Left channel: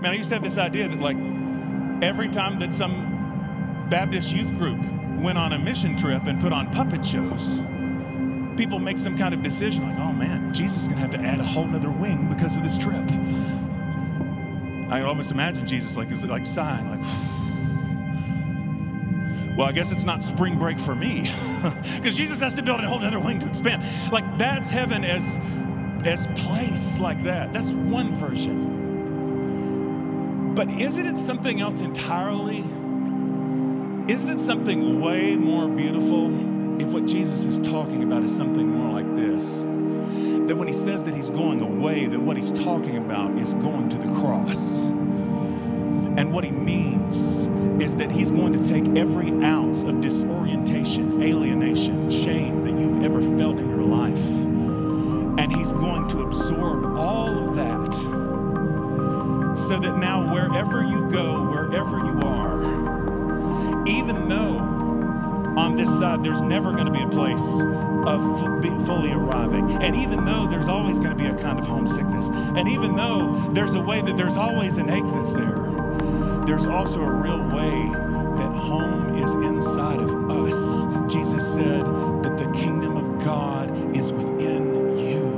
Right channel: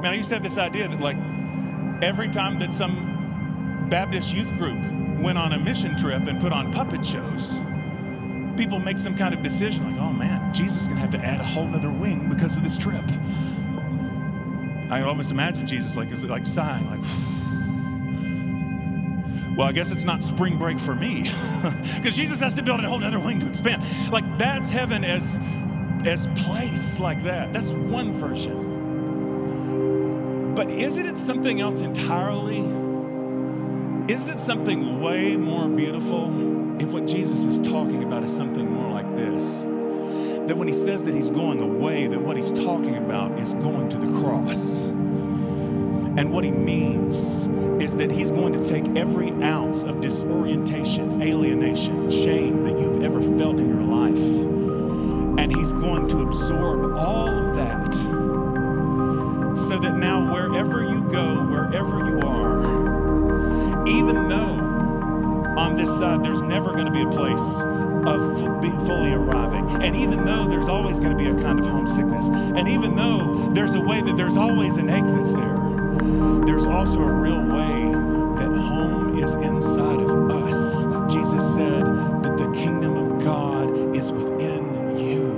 Man, I used to have this idea that like every time that some Baptist youth group went on a mission trip and put on puppet shows, people make some kind of decision like, oh man, Jesus is gonna have to add a whole nother wing because of this trip. I almost imagine Jesus like sighing, like, well, I guess it's not spring break for me because Jesus has to build a whole other wing to expand. Like that's heaven as place like that. That's one version. But isn't it something else entirely? Isn't it something way more beautiful if what Jesus is talking about is something more like this? That when he says that he's going away, that what he's talking about is going to the cross. And what he means is that he's going to take every ounce of disorientation, alienation, shame that you've ever felt in your life, and he's going to absorb all of that so that now wherever you go, wherever you are, even though on this side there's never going to be a place of fully arriving, and even though there's always going to be a kind of homesickness, and even though there's a way that there's always an ache that's there's also a real way that home is inside of us. Jesus said that the kingdom of God is within you.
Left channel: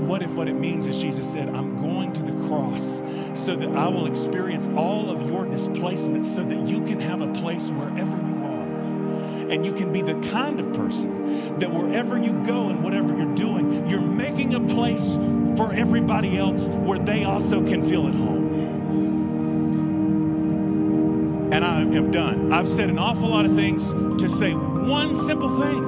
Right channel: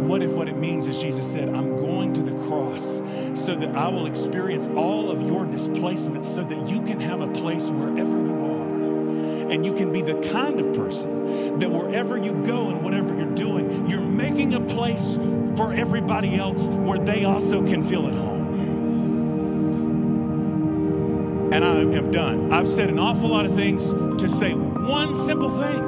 What if what it means is Jesus said, I'm going to the cross so that I will experience all of your displacement so that you can have a place wherever you are. And you can be the kind of person that wherever you go and whatever you're doing, you're making a place for everybody else where they also can feel at home. And I am done. I've said an awful lot of things to say one simple thing.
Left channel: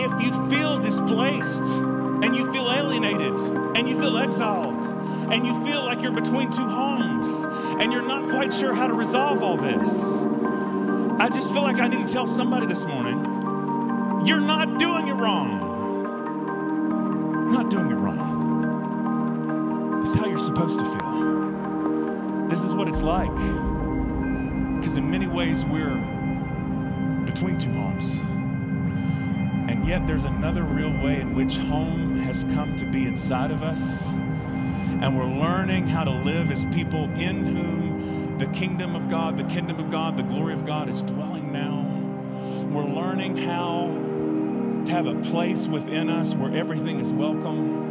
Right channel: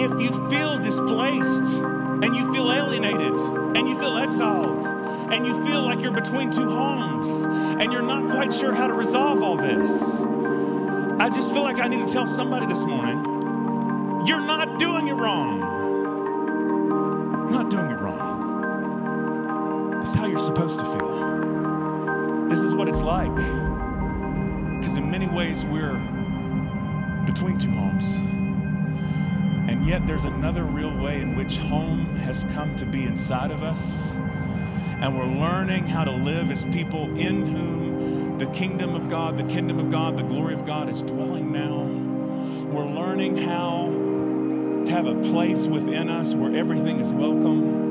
If you feel displaced and you feel alienated and you feel exiled and you feel like you're between two homes and you're not quite sure how to resolve all this, I just feel like I need to tell somebody this morning, you're not doing it wrong. You're not doing it wrong. This is how you're supposed to feel. This is what it's like. Because in many ways, we're between two homes. And yet there's another real way in which home has come to be inside of us. And we're learning how to live as people in whom the kingdom of God, the glory of God is dwelling now. We're learning how to have a place within us where everything is welcome.